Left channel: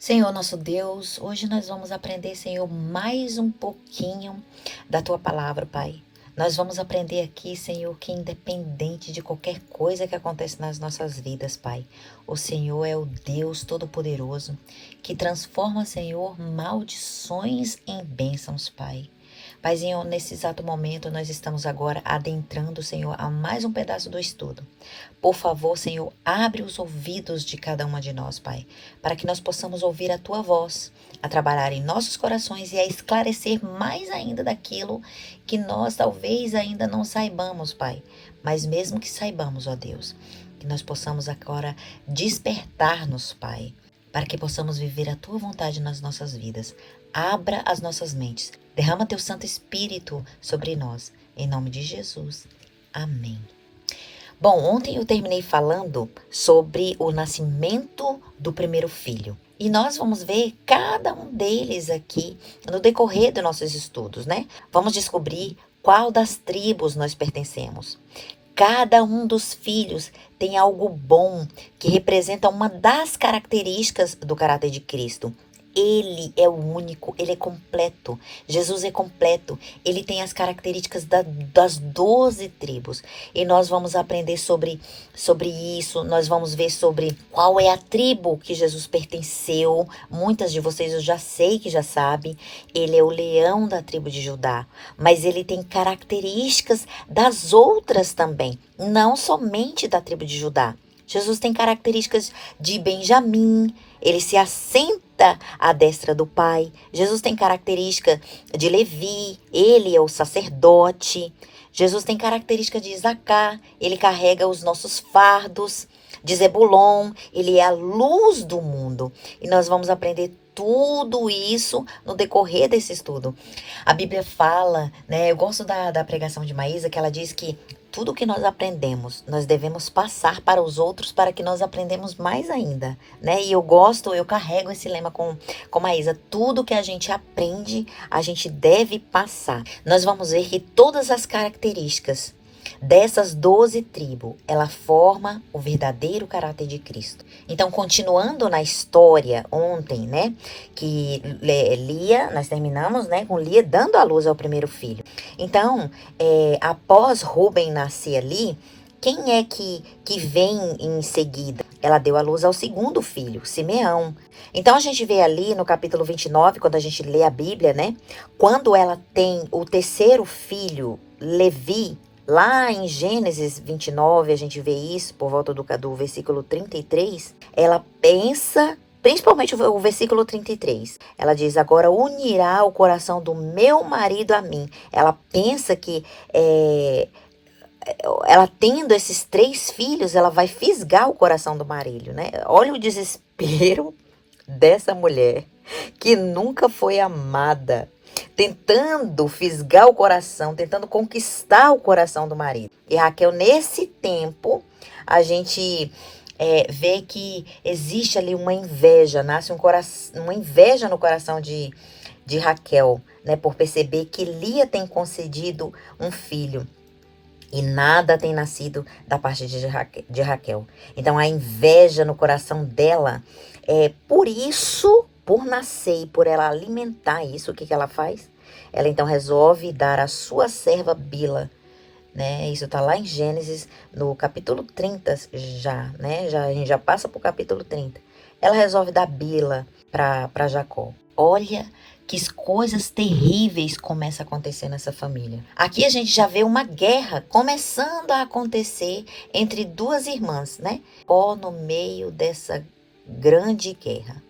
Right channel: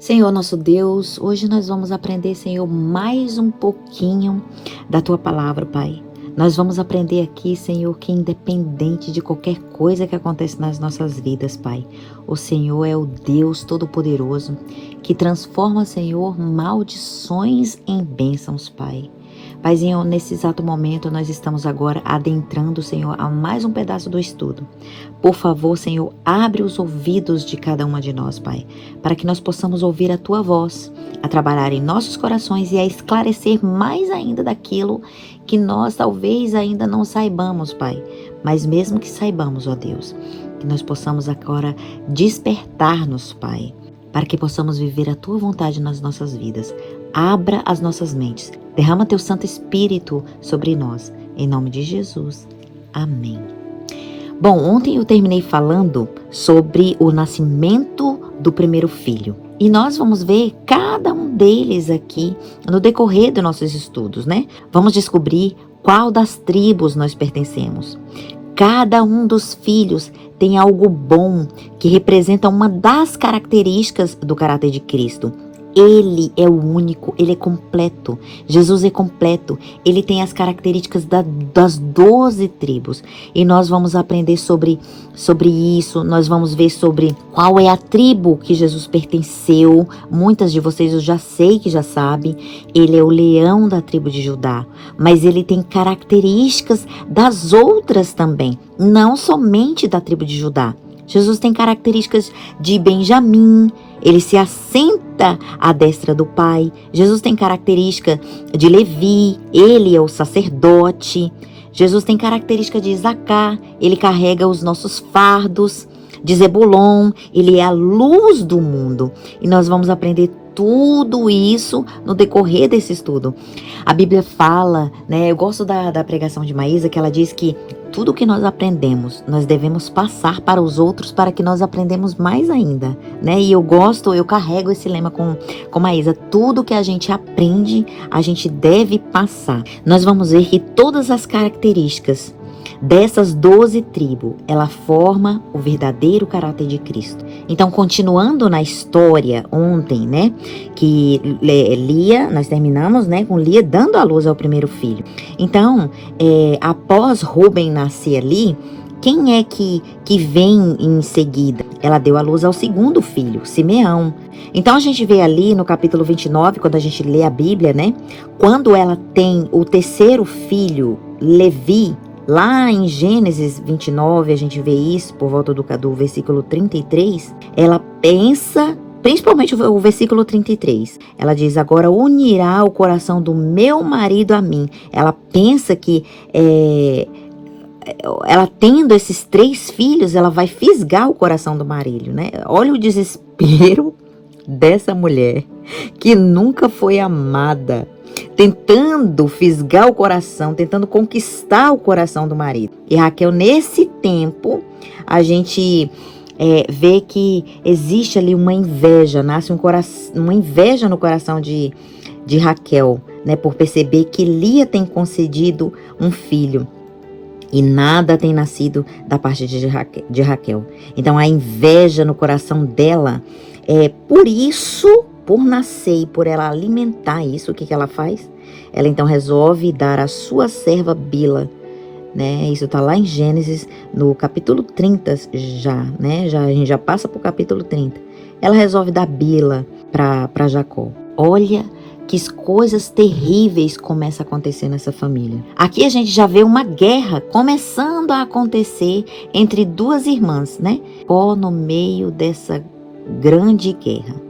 Senhor nosso Deus, hoje nós vamos aprender, Senhor, mais um pouquinho da Tua palavra, Pai. Nós vamos aprender aqui, Senhor, que independente de qualquer coisa que acontece nas nossas vidas, Pai, o Senhor é o Deus Todo-Poderoso que transforma, Senhor, maldições em bênçãos, Pai. Paizinho, nesse exato momento nós estamos agora adentrando, Senhor, a mais um pedaço do estudo. Por favor, Senhor, abre os ouvidos de cada uma de nós, Pai, para que nós possamos ouvir a Tua voz, a trabalhar em nossos corações e a esclarecer mais ainda daquilo que nós talvez ainda não saibamos, Pai. Mas mesmo que saibamos, ó Deus, que nós possamos agora despertar-nos, Pai, para que possamos viver a Tua vontade nas nossas vidas. Abra as nossas mentes. Derrama Teu Santo Espírito sobre nós. Em nome de Jesus. Amém. Bom, ontem eu terminei falando sobre o nascimento do primeiro filho. E nós vamos ver cada um deles aqui no decorrer dos nossos estudos, né? Vamos descobrir qual das tribos nós pertencemos. Cada um dos filhos tem algo bom que representa uma das características do caráter de Cristo. Ele é o único, ele é completo. Jesus é completo. Ele tem as características das 12 tribos. E nós vamos aprender sobre isso. Nós vamos ver sobre qual é a tribo que Jesus pertenceu. Muitas de vocês eu já sei que já sabem. Ele é o leão da tribo de Judá. Mas ele tem características das outras também. Não somente da tribo de Judá. Jesus tem características de Benjamim. Ele se assenta à destra do Pai. Jesus tem característica de Levi. Ele é o sacerdote. Jesus tem característica de Isacar. Ele carrega os nossos fardos. De Zebulon. Ele é a luz do mundo. E nós vamos aprender tudo isso no decorrer desse estudo. A Bíblia fala, né? Eu gosto da pregação de Maísa, que ela diz que tudo que nós aprendemos, nós devemos passar para os outros para que nós aprendamos mais ainda, né? E eu carrego esse lema com Maísa. Tudo que a gente aprende, a gente deve passar. Nós vamos ver que todas as características dessas 12 tribos, ela forma o verdadeiro caráter de Cristo. Então, continuando na história ontem, né, que Lia, nós terminamos, né, com Lia dando à luz ao primeiro filho. Então, após Rúben nascer ali, quem é que vem em seguida? Ela deu à luz ao segundo filho, Simeão. Então, a gente vê ali no capítulo 29, quando a gente lê a Bíblia, né, quando ela tem o terceiro filho, Levi. Lá em Gênesis 29, a gente vê isso por volta do versículo 33. Ela pensa, principalmente o versículo 33. Ela diz, agora unirá o coração do meu marido a mim. Ela pensa que ela tendo esses 3 filhos, ela vai fisgar o coração do marido, né? Olha o desespero dessa mulher que nunca foi amada, tentando fisgar o coração, tentando conquistar o coração do marido. E Raquel, nesse tempo, a gente vê que existe ali uma inveja, nasce uma inveja no coração de Raquel, né, por perceber que Lia tem concedido um filho e nada tem nascido da parte de Raquel. Então, a inveja no coração dela, por isso, por nascer e por ela alimentar isso, o que ela faz? Ela então resolve dar a sua serva Bila, né? Isso tá lá em Gênesis, no capítulo 30 já, né? A gente já passa pro capítulo 30. Ela resolve dar Bila para Jacó. Olha que coisas terríveis começam a acontecer nessa família. Aqui a gente já vê uma guerra começando a acontecer entre 2 irmãs, né? No meio dessa grande guerra.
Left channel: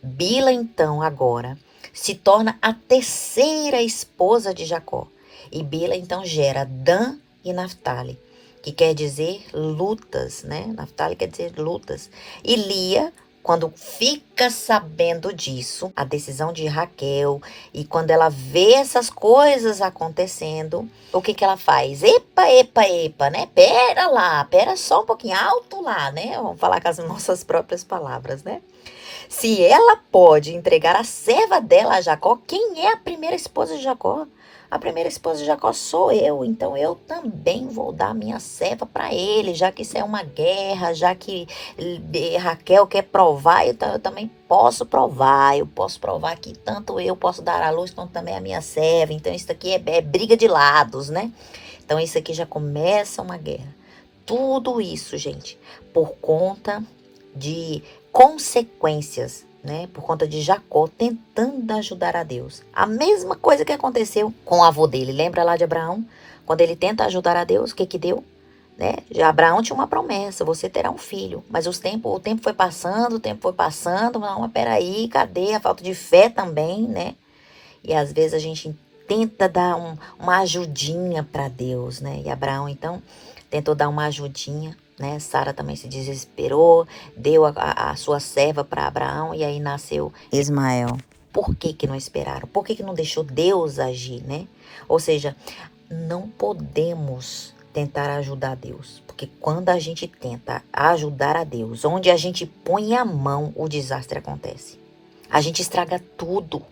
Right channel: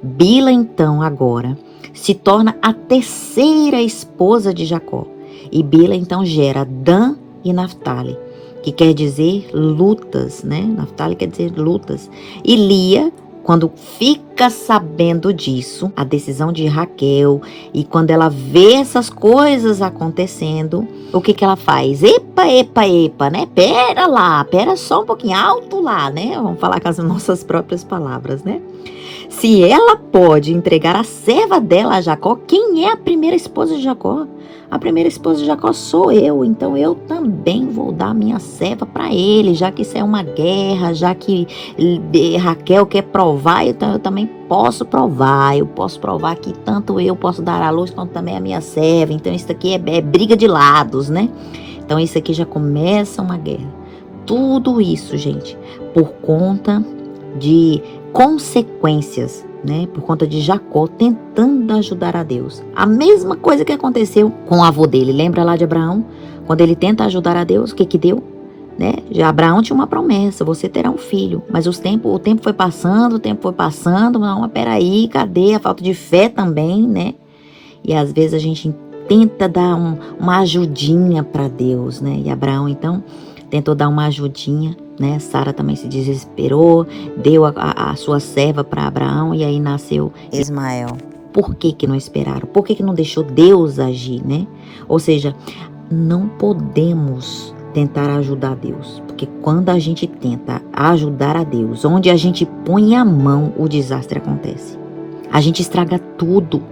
Bila, então, agora, se torna a terceira esposa de Jacó. E Bila, então, gera Dan e Naftali, que quer dizer lutas, né? Naftali quer dizer lutas. E Lia, quando fica sabendo disso, a decisão de Raquel, e quando ela vê essas coisas acontecendo, o que ela faz? Epa, né? Pera só um pouquinho, alto lá, né? Vamos falar com as nossas próprias palavras, né? Se ela pode entregar a serva dela a Jacó, quem é a primeira esposa de Jacó? A primeira esposa de Jacó sou eu, então eu também vou dar minha serva para ele, já que isso é uma guerra, já que Raquel quer provar, então eu também posso provar. Eu posso provar que tanto eu posso dar à luz quanto também a minha serva. Então isso aqui é briga de lados, né? Então isso aqui já começa uma guerra. Tudo isso, gente, por conta de consequências, né? Por conta de Jacó tentando ajudar a Deus. A mesma coisa que aconteceu com o avô dele. Lembra lá de Abraão? Quando ele tenta ajudar a Deus, o que que deu? Né? Já Abraão tinha uma promessa, você terá um filho. Mas o tempo foi passando, não, peraí, cadê a falta de fé também, né? E às vezes a gente tenta dar uma ajudinha para Deus, né? E Abraão, então, tentou dar uma ajudinha, né? Sara também se desesperou, deu a sua serva para Abraão e aí nasceu Ismael. Por que não esperaram? Por que não deixou Deus agir, né? Ou seja, não podemos tentar ajudar Deus, porque quando a gente tenta ajudar a Deus, onde a gente põe a mão, o desastre acontece. A gente estraga tudo.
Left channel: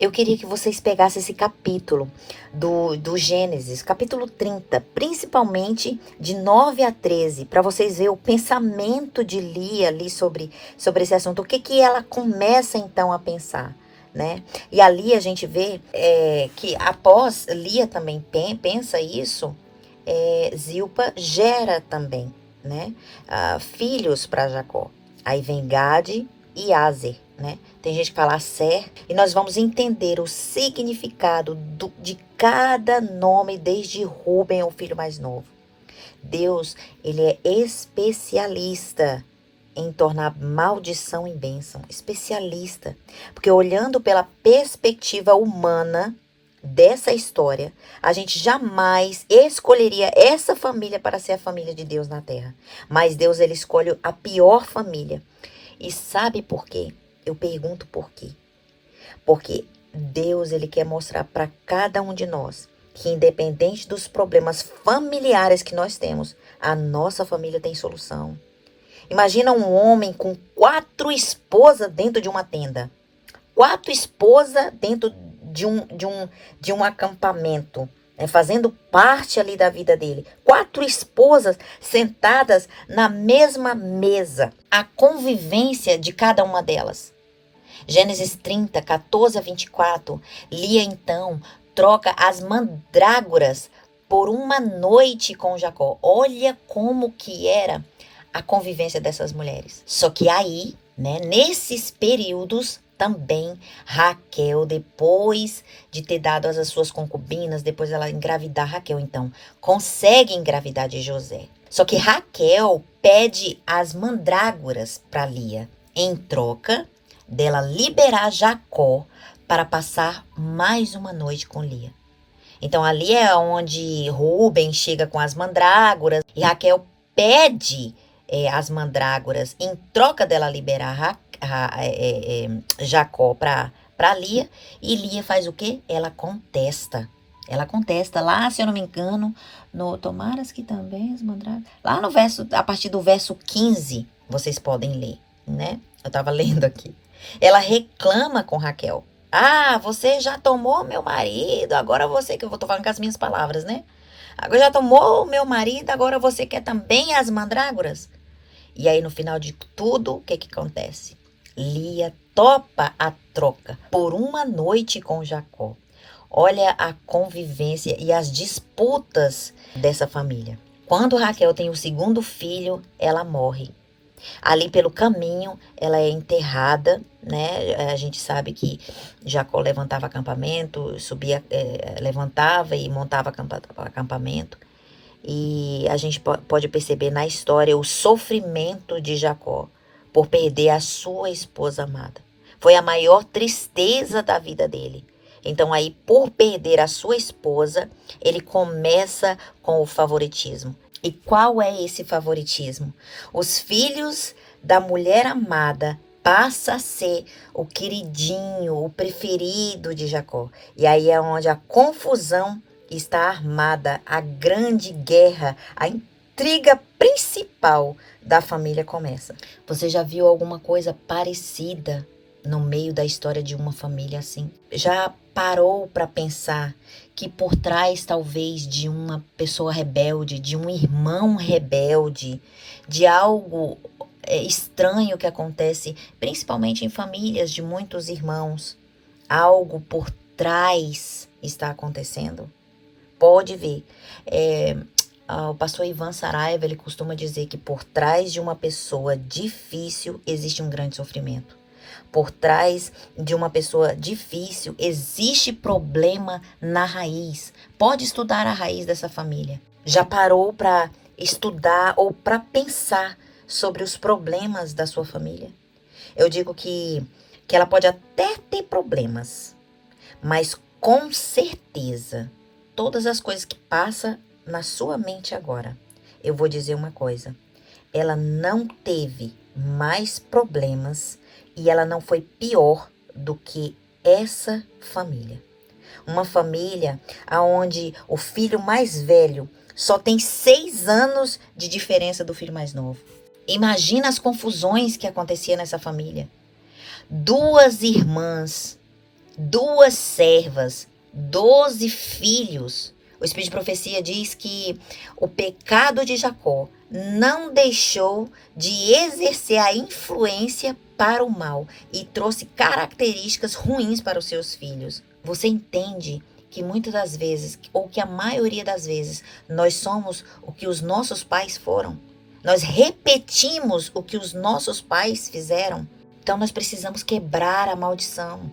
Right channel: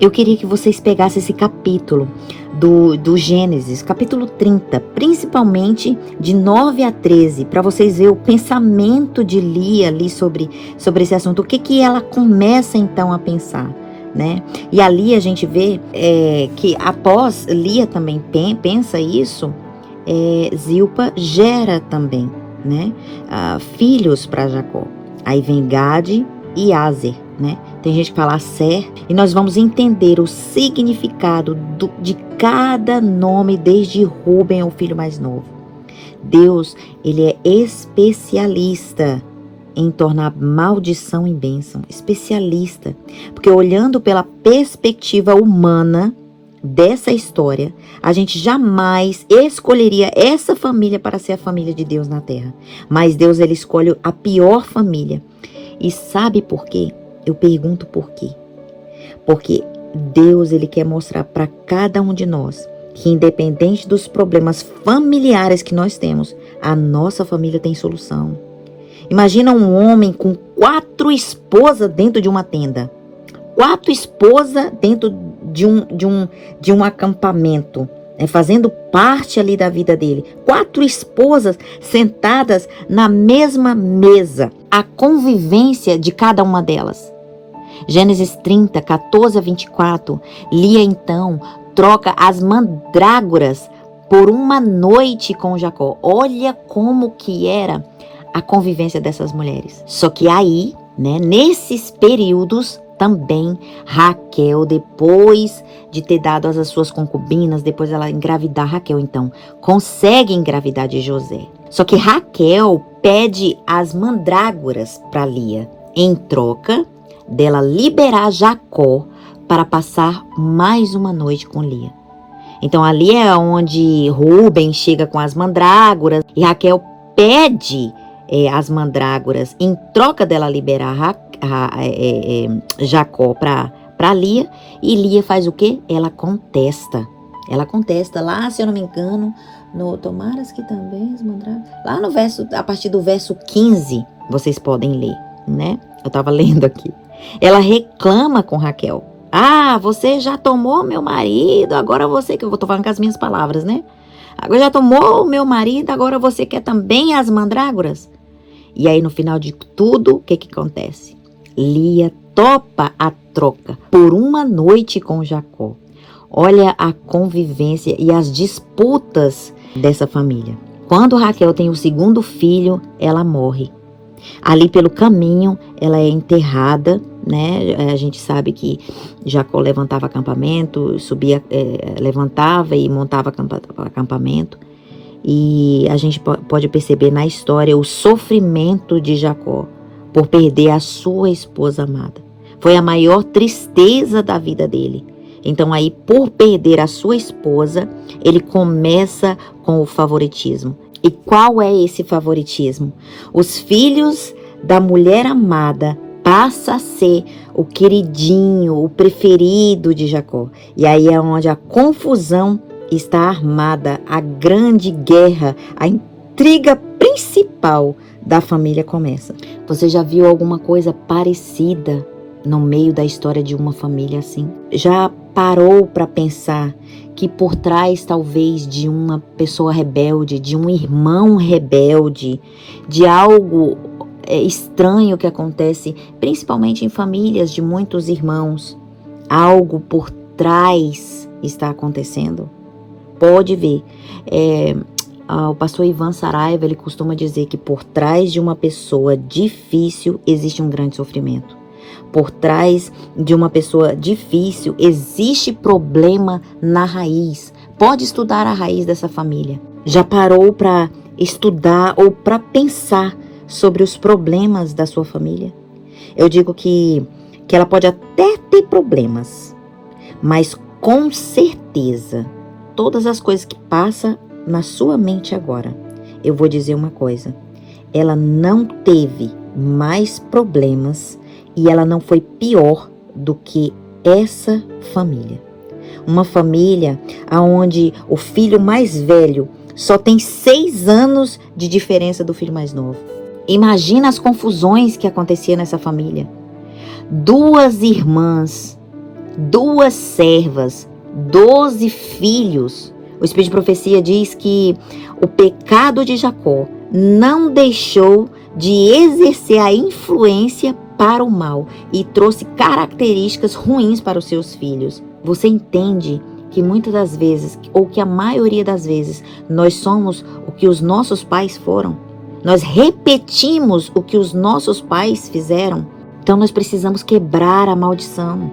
Eu queria que vocês pegassem esse capítulo do Gênesis, capítulo 30, principalmente de 9 a 13, para vocês verem o pensamento de Lia ali sobre esse assunto. O que ela começa então a pensar, né? E ali a gente vê que após Lia também pensa isso, Zilpa gera também, né? Filhos para Jacó. Aí vem Gade e Aser, né? Tem gente que fala Aser, e nós vamos entender o significado de cada nome, desde Rúben, o filho mais novo. Deus, ele é especialista em tornar maldição em bênção, especialista, porque olhando pela perspectiva humana dessa história, a gente jamais escolheria essa família para ser a família de Deus na terra, mas Deus, ele escolhe a pior família. E sabe por quê? Eu pergunto por quê. Porque Deus, ele quer mostrar para cada um de nós que, independente dos problemas familiares que nós temos, a nossa família tem solução. Imagina um homem com 4 esposas dentro de uma tenda. 4 esposas dentro de um acampamento, né, fazendo parte ali da vida dele. 4 esposas sentadas na mesma mesa. A convivência de cada uma delas. Gênesis 30, 14 a 24, Lia então troca as mandrágoras por uma noite com Jacó. Olha como que era a convivência dessas mulheres. Só que aí, né, nesses períodos também, Raquel, depois de ter dado as suas concubinas, depois ela engravidar, Raquel então consegue engravidar de José. Só que Raquel pede as mandrágoras para Lia, em troca dela liberar Jacó para passar mais uma noite com Lia. Então ali é onde Rúben chega com as mandrágoras e Raquel pede as mandrágoras em troca dela liberar Jacó para Lia. E Lia faz o quê? Ela contesta. Ela contesta lá, se eu não me engano, no Tomaras que também as mandrágoras. Lá no verso, a partir do verso 15, vocês podem ler, né? Eu estava lendo aqui. Ela reclama com Raquel. Ah, você já tomou meu marido, agora você, que eu tô falando com as minhas palavras, né? Agora já tomou o meu marido, agora você quer também as mandrágoras? E aí no final de tudo, o que acontece? Lia topa a troca por uma noite com Jacó. Olha a convivência e as disputas dessa família. Quando Raquel tem o segundo filho, ela morre. Ali pelo caminho, ela é enterrada, né? A gente sabe que Jacó levantava acampamento, levantava e montava acampamento. E a gente pode perceber na história o sofrimento de Jacó por perder a sua esposa amada. Foi a maior tristeza da vida dele. Então aí, por perder a sua esposa, ele começa com o favoritismo. E qual é esse favoritismo? Os filhos da mulher amada passa a ser o queridinho, o preferido de Jacó. E aí é onde a confusão está armada, a grande guerra, a intriga principal da família começa. Você já viu alguma coisa parecida no meio da história de uma família assim? Já parou para pensar que por trás talvez de uma pessoa rebelde, de um irmão rebelde, de algo estranho que acontece, principalmente em famílias de muitos irmãos, algo por trás está acontecendo? Pode ver. O pastor Ivan Saraiva, ele costuma dizer que por trás de uma pessoa difícil existe um grande sofrimento. Por trás de uma pessoa difícil existe problema na raiz. Pode estudar a raiz dessa família. Já parou para estudar ou para pensar sobre os problemas da sua família? Eu digo que ela pode até ter problemas, mas com certeza, todas as coisas que passam na sua mente agora, eu vou dizer uma coisa: ela não teve mais problemas e ela não foi pior do que essa família. Uma família onde o filho mais velho só tem 6 anos de diferença do filho mais novo. Imagina as confusões que aconteciam nessa família. 2 irmãs, 2 servas, 12 filhos. O Espírito de Profecia diz que o pecado de Jacó não deixou de exercer a influência para o mal e trouxe características ruins para os seus filhos. Você entende que muitas das vezes, ou que a maioria das vezes, nós somos o que os nossos pais foram? Nós repetimos o que os nossos pais fizeram? Então nós precisamos quebrar a maldição.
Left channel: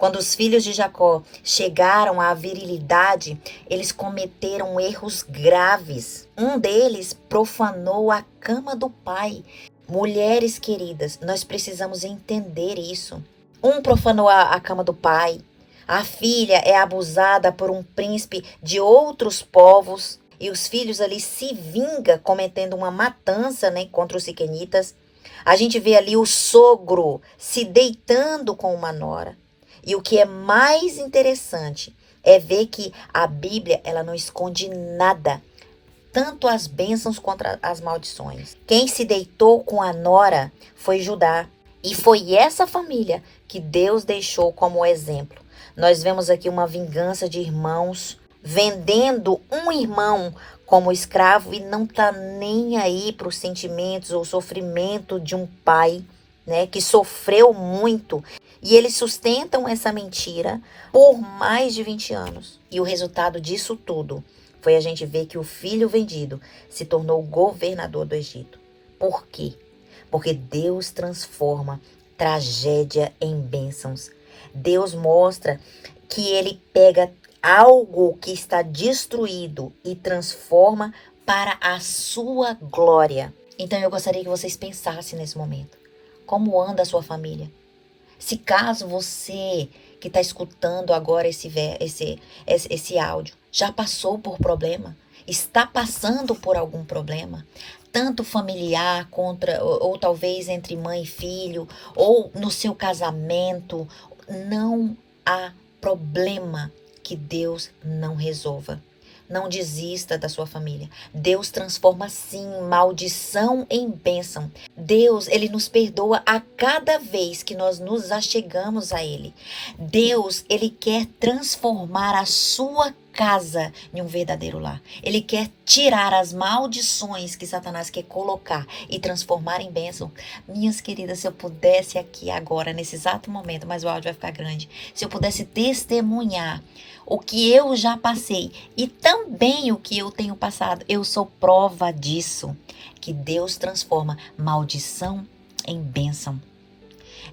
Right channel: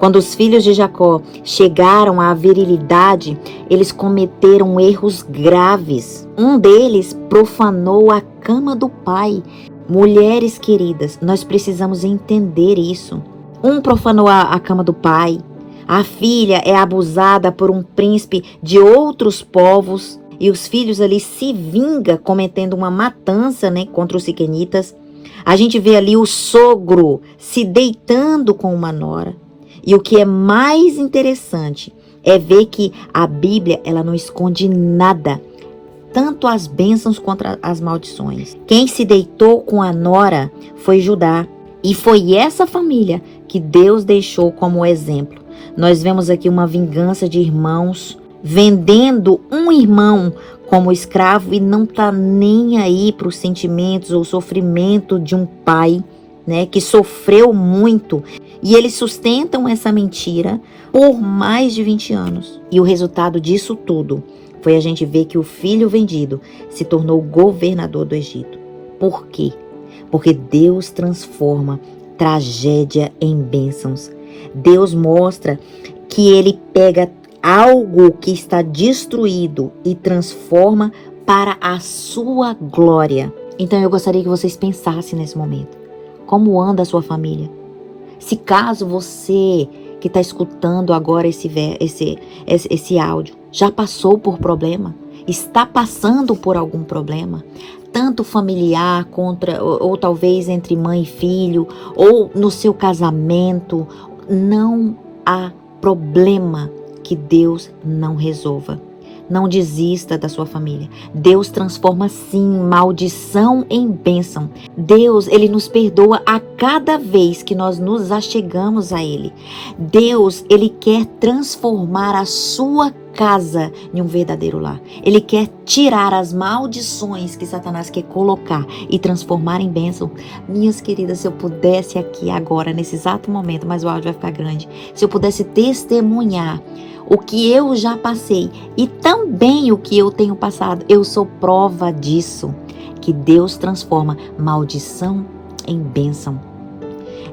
Quando os filhos de Jacó chegaram à virilidade, eles cometeram erros graves. Um deles profanou a cama do pai. Mulheres queridas, nós precisamos entender isso. Um profanou a cama do pai. A filha é abusada por um príncipe de outros povos. E os filhos ali se vingam cometendo uma matança, contra os siquenitas. A gente vê ali o sogro se deitando com uma nora. E o que é mais interessante é ver que a Bíblia, ela não esconde nada, tanto as bênçãos quanto as maldições. Quem se deitou com a nora foi Judá, e foi essa família que Deus deixou como exemplo. Nós vemos aqui uma vingança de irmãos, vendendo um irmão como escravo e não tá nem aí para os sentimentos ou sofrimento de um pai, que sofreu muito. E eles sustentam essa mentira por mais de 20 anos. E o resultado disso tudo foi a gente ver que o filho vendido se tornou governador do Egito. Por quê? Porque Deus transforma tragédia em bênçãos. Deus mostra que ele pega algo que está destruído e transforma para a sua glória. Então eu gostaria que vocês pensassem nesse momento. Como anda a sua família? Se caso você que está escutando agora esse áudio já passou por problema, está passando por algum problema, tanto familiar ou talvez entre mãe e filho, ou no seu casamento, não há problema que Deus não resolva. Não desista da sua família. Deus transforma sim maldição em bênção. Deus, ele nos perdoa a cada vez que nós nos achegamos a ele. Deus, ele quer transformar a sua casa em um verdadeiro lar. Ele quer tirar as maldições que Satanás quer colocar e transformar em bênção. Minhas queridas, se eu pudesse aqui agora, nesse exato momento, mas o áudio vai ficar grande, se eu pudesse testemunhar o que eu já passei e também o que eu tenho passado, eu sou prova disso, que Deus transforma maldição em bênção.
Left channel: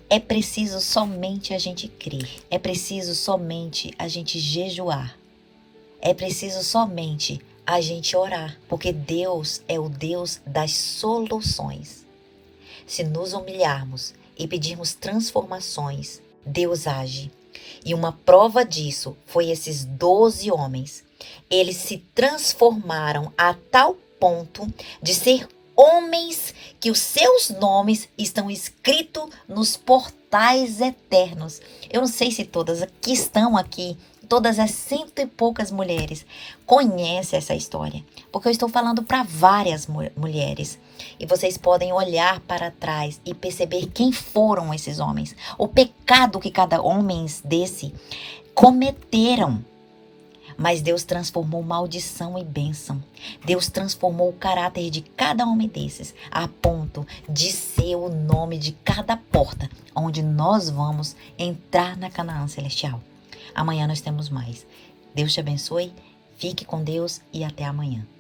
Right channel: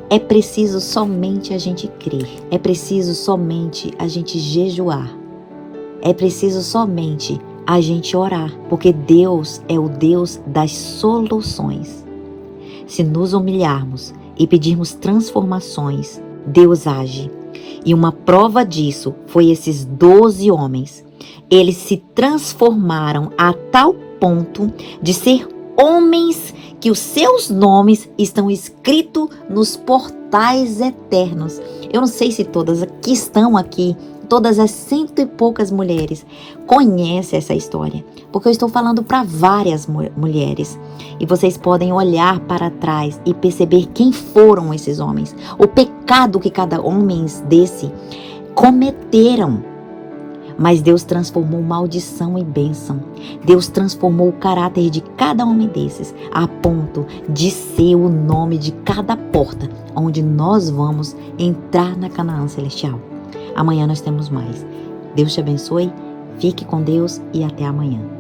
É preciso somente a gente crer, é preciso somente a gente jejuar, é preciso somente a gente orar, porque Deus é o Deus das soluções. Se nos humilharmos e pedirmos transformações, Deus age. E uma prova disso foi esses 12 homens. Eles se transformaram a tal ponto de ser homens que os seus nomes estão escritos nos portais eternos. Eu não sei se todas que estão aqui, todas as 100 e poucas mulheres, conhecem essa história, porque eu estou falando para várias mulheres. E vocês podem olhar para trás e perceber quem foram esses homens, o pecado que cada homem desse cometeram. Mas Deus transformou maldição em bênção. Deus transformou o caráter de cada homem desses a ponto de ser o nome de cada porta onde nós vamos entrar na Canaã Celestial. Amanhã nós temos mais. Deus te abençoe, fique com Deus e até amanhã.